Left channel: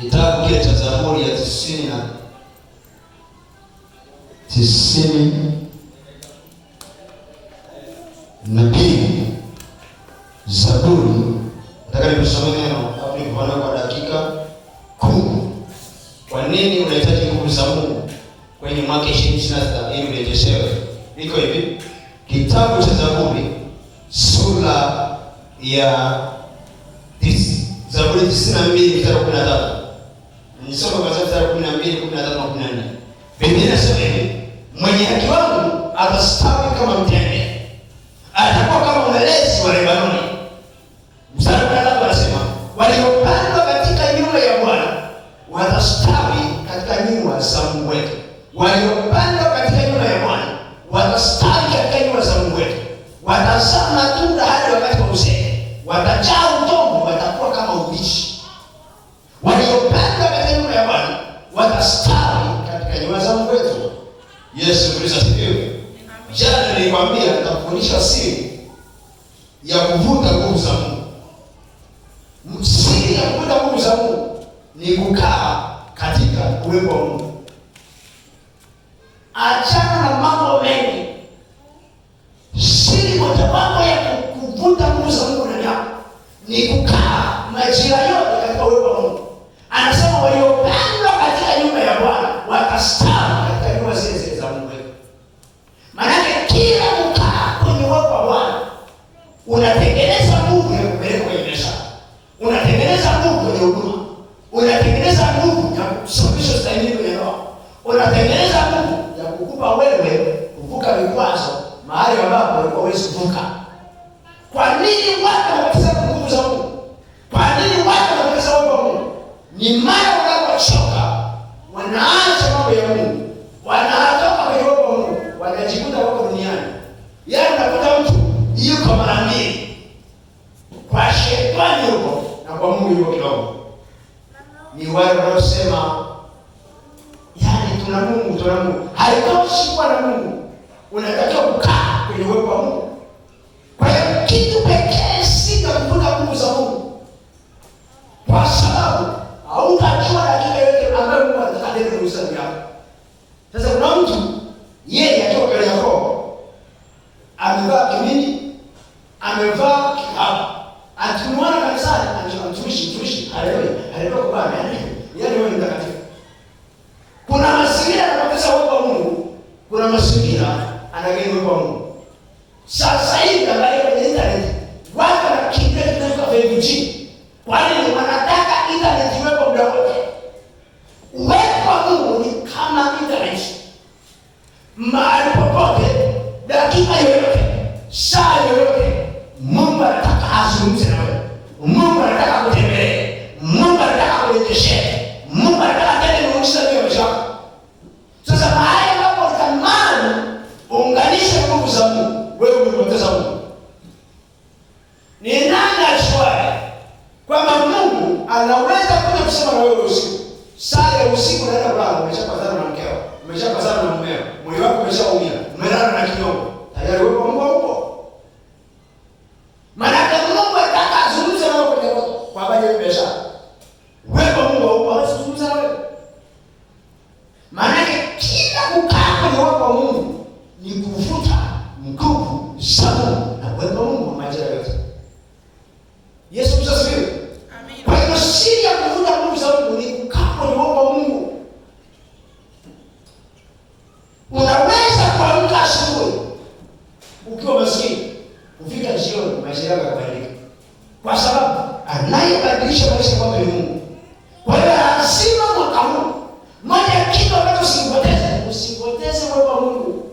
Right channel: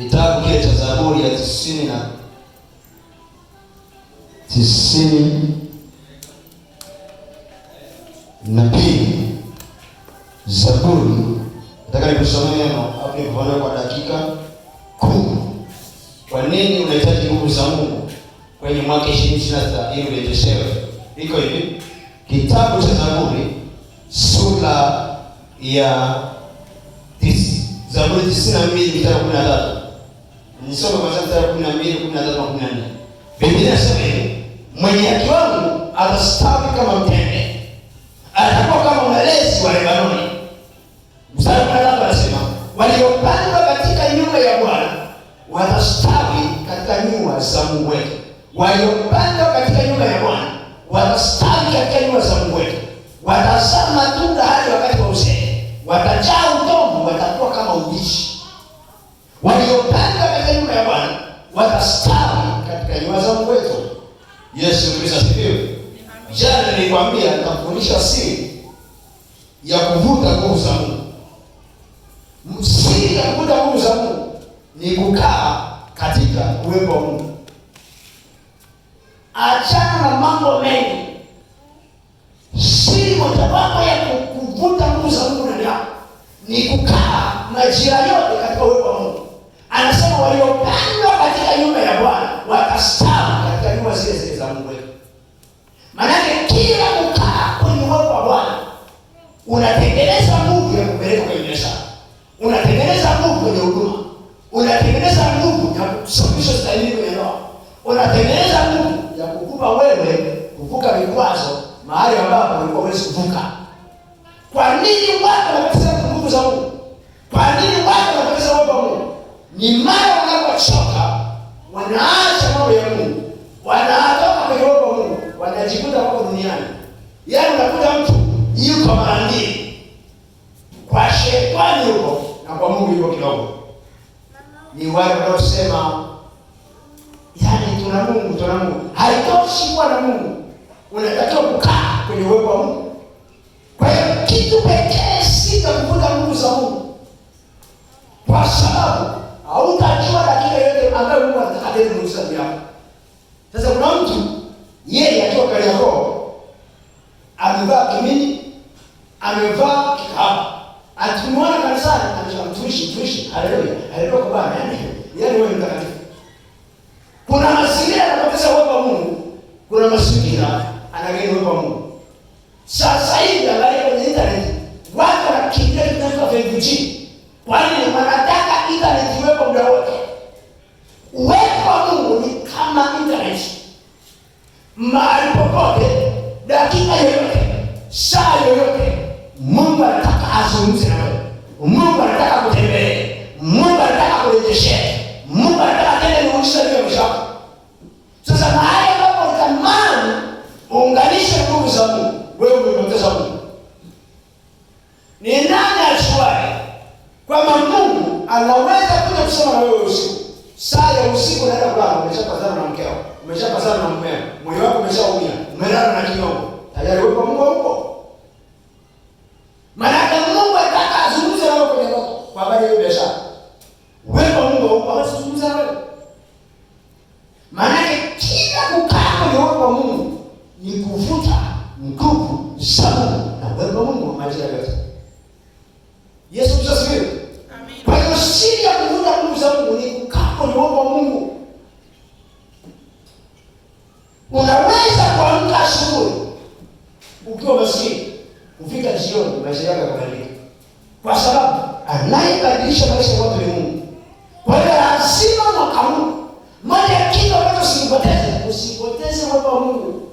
Kitabu kile cha Zaburi ya 92. Zaburi, nataka nikusomee neno hapo kwa dakika 10. Kwa nini unahitaji nguvu za Mungu kwenye mwaka 2026 ili urejeshewe? Iko hivi. Kitabu cha Zaburi sura ya Zaburi 92 mstari wa 13. Nisome kwa mstari wa 12, 13 na 14. Biblia inasema hivi: mwenye haki wangu atastawi kama mtende, atakuwa kama mwelezi wa Lebanoni. Mstari wa 13 anasema waliopandwa katika nyumba ya Bwana watastawi katika nyumba za Mungu wetu. Waliopandwa katika nyumba ya Bwana watastawi katika nyumba za Mungu wetu. Watazaa matunda hadi wakati wa uzee, watajaa udongo, watakuwa kama ubishi. Waliopandwa katika nyumba ya Bwana watastawi katika nyumba za Mungu wetu. Yesu Kristo asifiwe. Jana nilikwambia nitakufundisha siri ya kuvuta nguvu za Mungu. Siri ya kuvuta nguvu za Mungu ni kukaa katika uwepo wa Mungu. Achana na mambo mengi. Siri mojawapo ya kuvuta nguvu za Mungu ndani yako ni kukaa majira yote katika uwepo wa Mungu. Anasema waliopandwa katika nyumba ya Bwana watastawi katika nyumba zile za Mungu wetu. Maana kila kukaa kwenye uwepo wa Bwana unatengeneza nguvu ya kupeleka kwenye biashara, unatengeneza nguvu kwenye huduma, unatengeneza nguvu ya kusuluhisha stahili kwenye roho, unatengeneza nguvu ya kukupa wewe kuvuka vikwazo mahali ambapo ulikuwa huwezi kuvuka. Kwa nini watu wanapoteza nguvu za Mungu? Kwa nini watu wanapoteza uwepo wa Mungu? Ni mara wanapochoka wanaacha mambo ya Mungu, wanatoka kwenye uwepo wa Mungu, wanajikuta wako duniani. Yaani unakuta mtu yuko mara mbili, kwa shetani huko na kwa Mungu yuko kidogo. Ni wale wanaosema yaani tuna Mungu. Haitoshi kuwa na Mungu, unatakiwa kukaa kwenye uwepo wa Mungu. Kwa hiyo kitu pekee si kuvuta nguvu za Mungu, kwa sababu hautajua na kile yote ambayo Mungu atakatenda kuhusu yako. Sasa kuna mtu yeye atoka kale yako, amevaa kimini, amevaa kikao, atumwana kanisani, mtumishi, haleluya kwa Bwana, yaani wewe ni mtakatifu. Kuna mazingira yanapoteza uwepo wa Mungu, kuna mazingira anageni uwepo wa Mungu. Sasa hivi angalia kwenye internet, watu wanakimbia kutoka 5G. Kwa nini? Wanataka internet iwepo muda wote. Uwepo wa Mungu ni kama internet. Mahali popote, dakika yoyote, saa yoyote, Mungu anataka azungumze na wewe. Mungu anataka kutembelee. Mungu anataka kurejeshe. Mungu anataka tena kuonyesha leo chako. Sasa mahali ambapo utamani unganishe nguvu za Mungu, wewe umepoteza Mungu. Ni nani ajuaye kwamba Mungu anaweza kuja kusema na wewe usiku? Saa ya usiku unaenda kulala, umeshapazana na mkeo, umeshapazana na mmeo, moyo wako umeshaumia, umelala na kinyongo. Tayari wewe kwa Mungu huko. Maana Mungu anataka azungumze na wewe kwenye kwa habari ya biashara. Wewe kwa Mungu huko azungumza na wewe. Maana kila kukaa kwenye uwepo wa Mungu ni kuvuta nguvu za Mungu na uwepo wa Mungu majira yote. Yesu Kristo asifiwe. Amen. Kwa hiyo siri ya kuvuta nguvu za Mungu ni kukaa kwenye uwepo wa Mungu. Unaweza kuamka asubuhi ukiwa maskini, kufika jioni maisha yako yabadilika. Kwa sababu anayebadilisha maisha yako ni Mungu. Kwa hiyo lazima mwaka huu moja ya kitu ambacho usipoteze uwepo wa Mungu.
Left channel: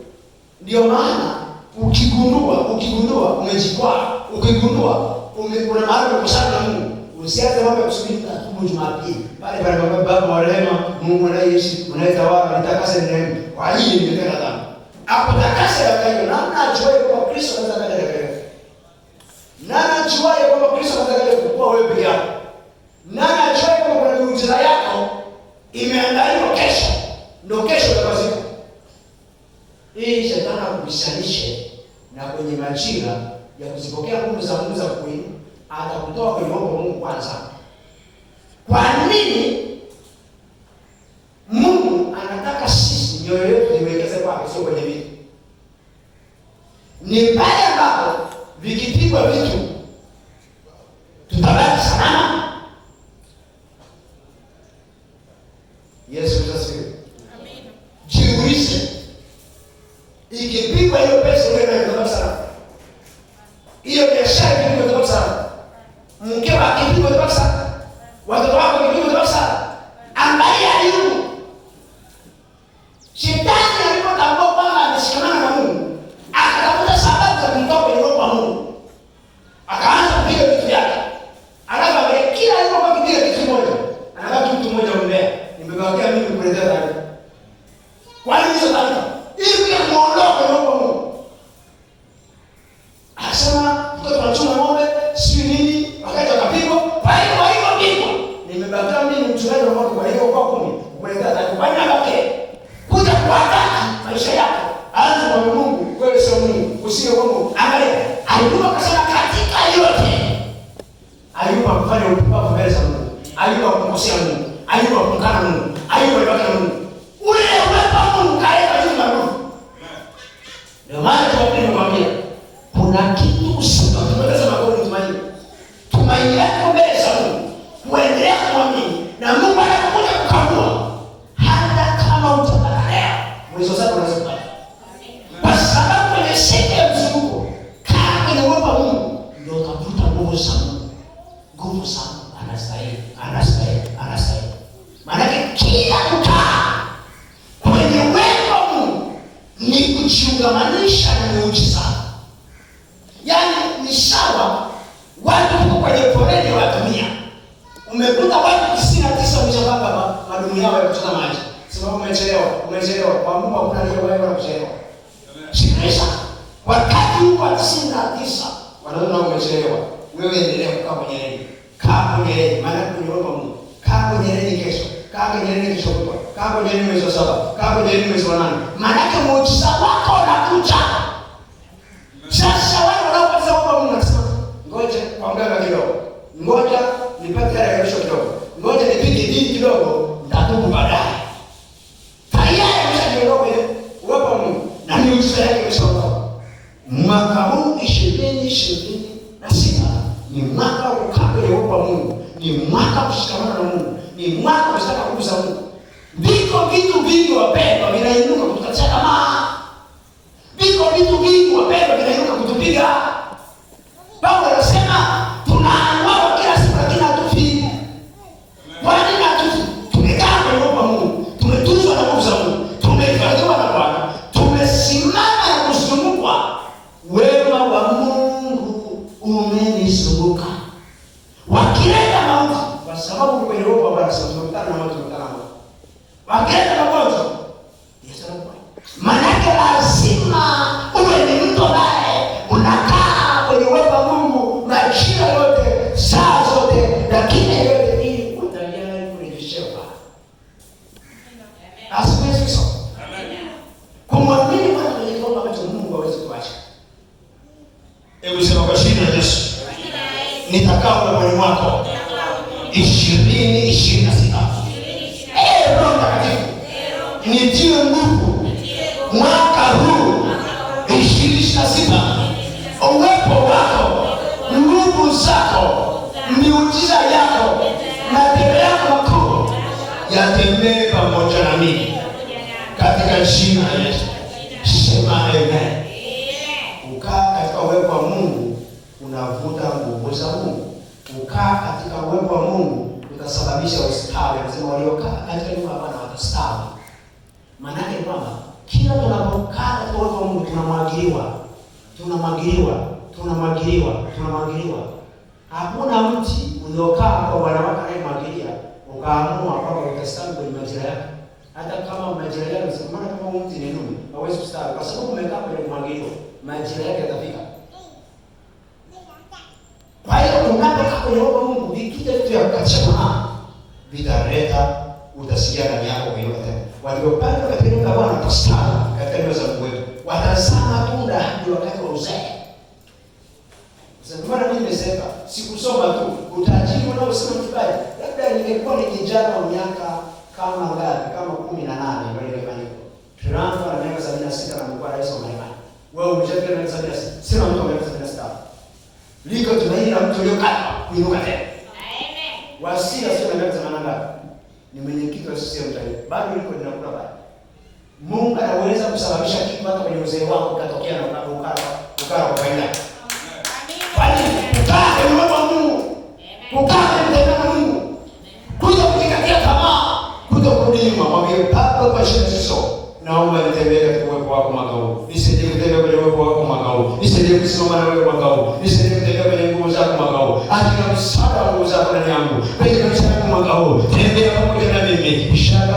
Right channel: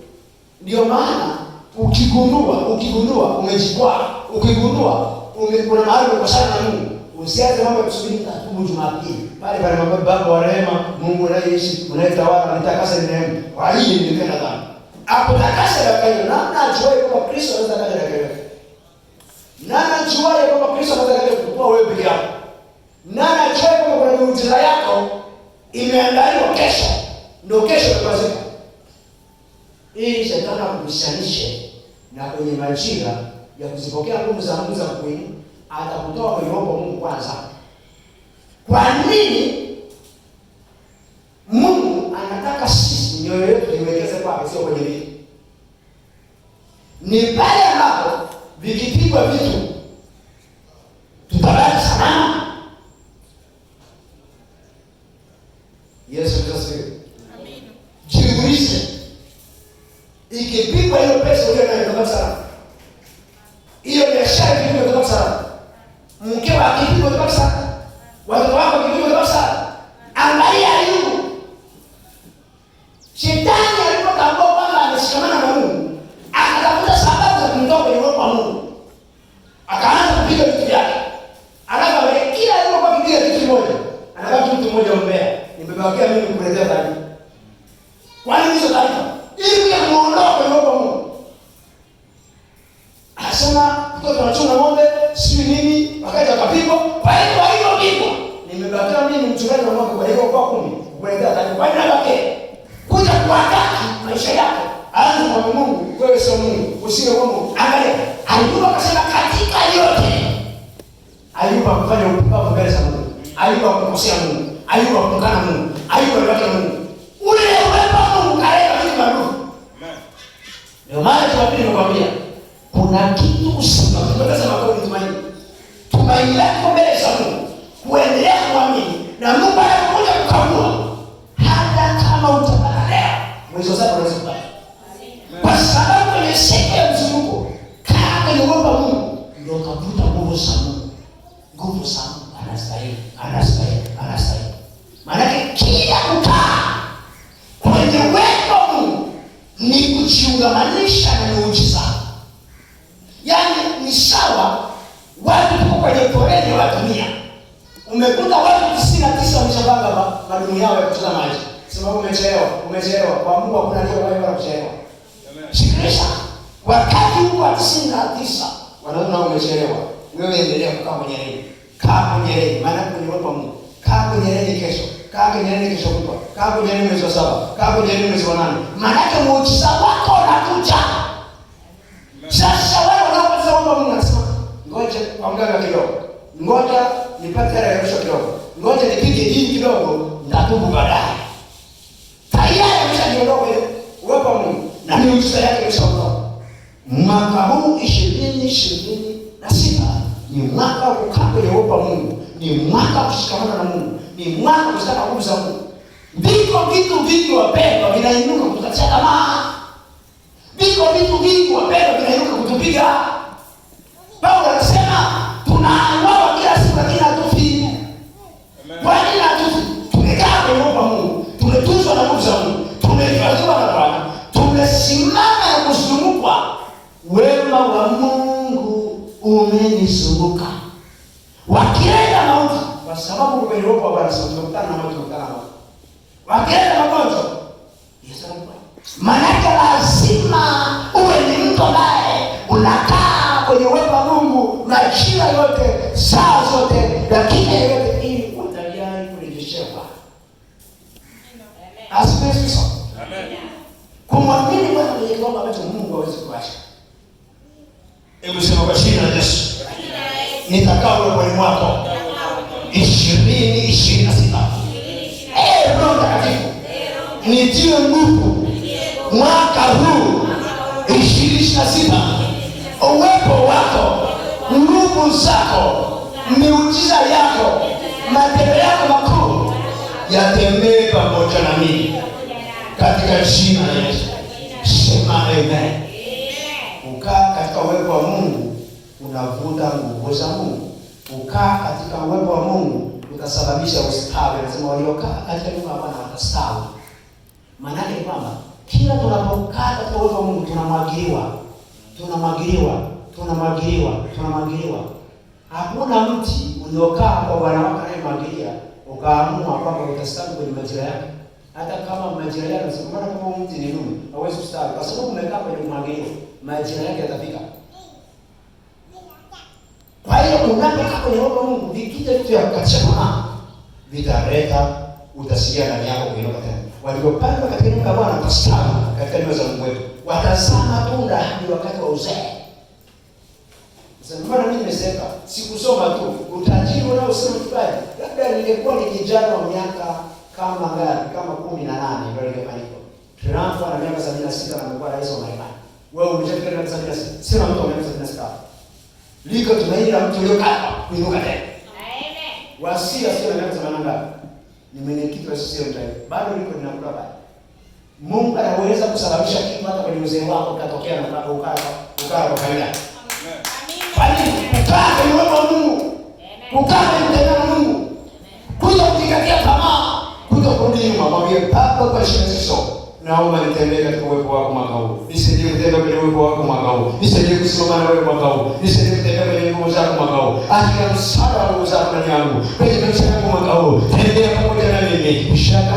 Ndio maana ukigundua umejikwaa, ukigundua kuna mahali umekosana na Mungu, usianze mambo ya kusubiri tatubu Jumapili. Pale Baba wa rehema, Mungu anayeishi, unayetawala, nitakase rehema. Kwa hii nimependa dhambi. Hapo takasa dakika hiyo. Namna ajuaye kwamba Kristo anaweza kaja dakika hiyo? Nani ajuaye kwamba Kristo anaweza kaja kukupa wewe peke yako? Nani ajuaye kwamba kuna miujiza yako imeandaliwa kesho? Ndio kesho itafanyika. Hii shetani akumishanishe na kwenye majira ya kuzipokea nguvu za Mungu za kweli, atakutoa kwenye uwepo wa Mungu kwanza. Kwa nini Ni pale ambapo vikipigwa vitu tutabaki salama. Yesu asifiwe. Amina. Jiulize, ikipigwa hiyo pesa ile inayotoka salama, hiyo biashara ikipigwa kutoka salama, mkeo akipigwa kutoka salama, watoto wako wakipigwa kutoka salama. Angalia Ayubu. Shetani alipotambua kwamba ameshikamana na Mungu, akatafuta sababu za kumtoa kwenye roho wa Mungu, akaanza kupiga vitu vyake. Alafu kila alipokuwa kipiga kitu moja, anabaki kitu moja mbele. Nimebakia mimi kukuletea taarifa. Kwa nini hizo taarifa? Ili muondoe kwenye roho wa Mungu. Anasema mtoto anachuna ng'ombe, si nini, wakati akapigwa, kwa hiyo pigwa. Nimebakia mimi mchungaji wa mwaka kwa hiyo kwa 10, kukuletea taarifa. Kwa nini anabaki? Kuja kuandaa maisha yako. Anza kwa Mungu, wewe sio Mungu, usiwe Mungu. Angalia, Ayubu akasema katika yote Ayubu akufanya upumbavu mbele za Mungu. Ayubu akumkosea Mungu. Ayubu akumkana Mungu. Ayubu alibaki Mungu. Ule uwepo wa Mungu kaenda vitu maarufu. Ndio maana tunapenda kuambia kuna kitu usipoteza magoli tumaini. Tumaini lako mbele za Mungu. Kuendelea kuamini na Mungu anakuja kukagua. Hata kama utapata leo, mwisho wako unaweza kupata. Kwa sababu kwenye siku ya mzunguko, kaa kwenye uwepo wa Mungu, ndio utakuta nguvu za Mungu. Nguvu za Mungu anastahili. Maana kila kukaa kwenye uwepo wa Mungu ni kujiungamanisha na muujiza. Yaani ni sawa watu tuko kwenye foleni wa dunia. Umekuta watu 99 wameshabanga madumu yao ya kuchota maji. Sababu umechelewa. Kwa Mungu hakuna aliye baya kuchelewa. Sikiliza. Wakati huko 99 wanaona umechelewa. Wewe endelea kukaa kwenye reli. Kaa kwenye reli. Maana kwenye roho wa Mungu. Kaa kwenye reli kesho. Kaa kwenye reli kesho kutwa. Kaa kwenye reli mwezi wa 7. Kaa kwenye reli mwezi wa 8. Maana muujiza wako unakuja. Sasa wewe unapata kwamba Mungu anasema, ngoja kuangalia kidogo. Ngoja nipate hela kesho kidogo. Ngoja nipige dini kidogo, nitatubu baadaye. Tayari umeshajiondoka ile uwepo wa Mungu na miujiza yake imeshaondoka. Mwaka huu 2026 ni mwaka wa kukaa kwenye uwepo wa Mungu, ni mwaka wa kushikamana na Mungu, ni mwaka wa kutaka nguvu za Mungu. Viko vitu vingi wapendwa vinainuka kutukatisha tamaa. Viko vitu vingi wapendwa vinainuka kutupiga. Paulo anasema tunauawa kila siku lakini hatufi. Kwa nini hatufi? Tumekaa kwenye uwepo wa Mungu, tumetuzwa na nguvu za Mungu, tumehifadhiwa na Bwana, tumesimama na kuzungukwa. Wema wa Mungu umenizunguka. Wakileta mauti, kwa sababu kwenye uwepo wa Bwana sio tunakutana na mauti. Wakileta magonjwa, Yesu anakuwa. Maana lazima uwe ni mtu ambaye unakaa kwenye uwepo wa Mungu majira yote, saa zote, dakika yote, ili utayari kurejeshewa. Asifiwe sana. Amen. Kumwamini Bwana kwenye kiwango ambacho Mungu hawezi kuacha. Hebu sema kwa jina la Yesu. Nitakaa wewe mwako 2026. Roho Mtakatifu nitie nguvu mwaka huu 2026. Uwepo wako, nguvu zako, miujiza yako, matendo yako makuu yatembee pamoja na mimi katika jina la Yesu. Sema amen. Ukaa katika uwepo wa Mungu unavuta nguvu za Mungu. Ukaa katika uwepo wa Mungu utasababisha ustawi. Nasema waliokaa katika uwepo wa Bwana watastawi. Maana yake ni kwamba kila tunapokaa katika uwepo wa Mungu tunamwagiliwa. Hakuna mti uliokaa kwa Bwana wako anayemwagilia ukaamua kwamba utastawi kwenye majira yake. Hata kama majira yake usikumana kama mti ni nuni, hauwezi kustawi kwa sababu umekaa kwenye kumwagiliwa. Majira yake yatafika. Kwa hiyo unapokaa kwenye uwepo wa Mungu, vikija vitu vya kukachana vitaleta utasikia ndani yako kuinuka tena. Waliopanda katika nyumba ya Bwana watastawi katika nyumba za Mungu wetu. Watazaa matunda hadi wakati wa uzee. Sasa mbona mimi nimesema sikusoma tu utajiri unaosema kibali. Labda ningekuwa ni kijana wa miaka kama ngapi? Kama 18 ndio ningefanya hivyo. Trump ana miaka 76 na mkuu rais wa Marekani. Wewe umeshafika miaka 76. Sema mtu miaka 76. Liko tumaini la mtu aliyokata kuinuka tena. Amen. Wasia sio miaka 80. Ni mwenyekiti wa CCM taifa. Bado liko linakula pale. Mungu anaweza kusababisha kitu hata kwenye uzee wako katokea na ukara kwa faida. Kwani kukaa kwenye uwepo wa Mungu, kukaa kwenye mtendao wa Mungu, kuja kujikatia tamaa, kuja kurudi nyuma, mwambie Baba kwa jina la Yesu, naomba nitembee katika uwepo wako mwaka huu. Nisaidie kutembea kwenye uwepo wako mwaka huu. Nisaidie kusimama na wewe mwaka huu. Nisaidie kutembea kwenye nguvu zako mwaka huu. Acha msaada wa nguvu zako ndani yangu. Kwenye maisha yangu mwaka huu. Tembea pamoja na mimi. Ishaka